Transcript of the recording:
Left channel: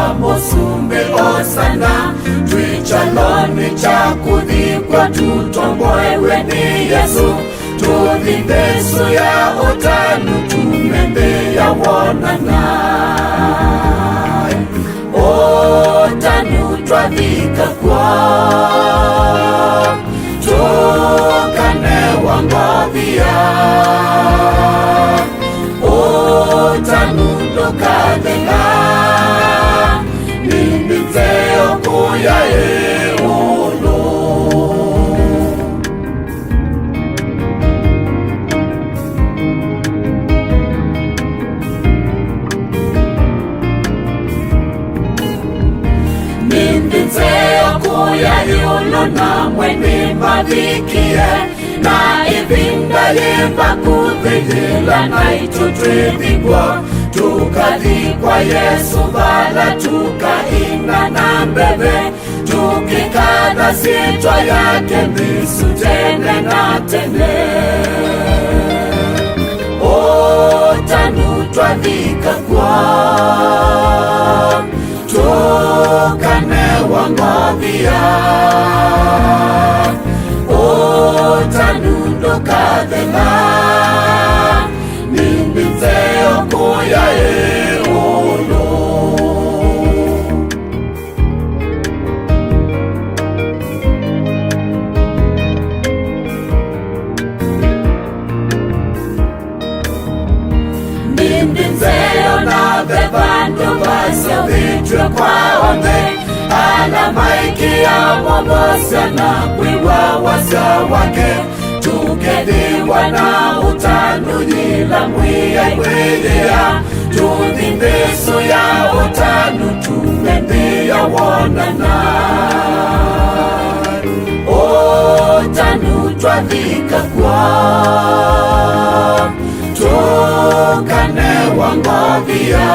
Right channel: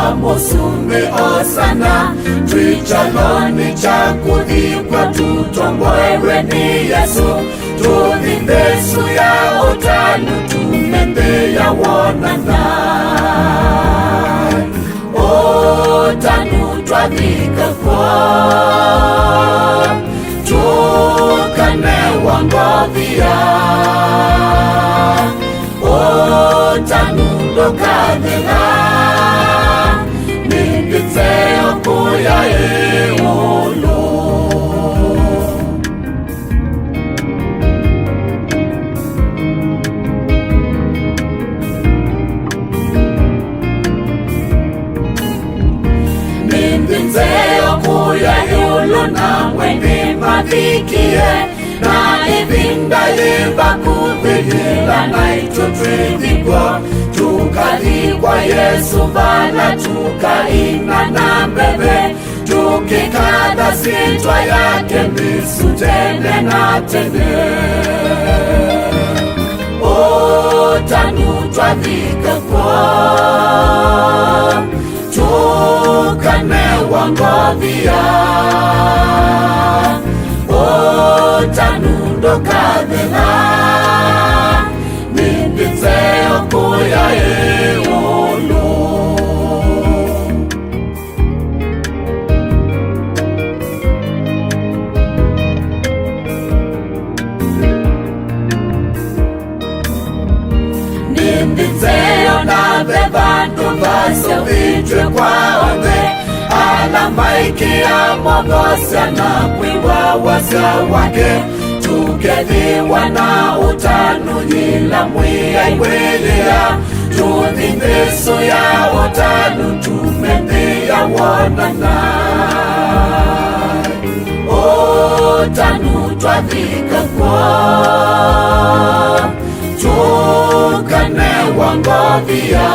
wa musumbi osana twichaloni chakudhikwa tutomboewe ni Yesu tudhibesu ya utanu tumende ya wonana otanu twadhika kwa tukane wangodhia otanu dokadhila nzeo kuya eolo nzeo kuya eolo na mweni Mbathi na ibinda yemba kuthijila na itutridhikwa tukalikwa Yesu mbala tukainga na mbebe tukikadha sitwa yake mbisu tene na tene otanu twadhika kwa tukane wangodhia otanu dokadhila nzeo kuya eolo nzeo na bebandu basya vitwe kwa wange alambaikia mobosya na kwiwa wasya wake tukediwa na utanu nyila mwiya iwelia tudhibesu ya utanu tumendhia wonana otanu twadhika kwa tukane wangodhia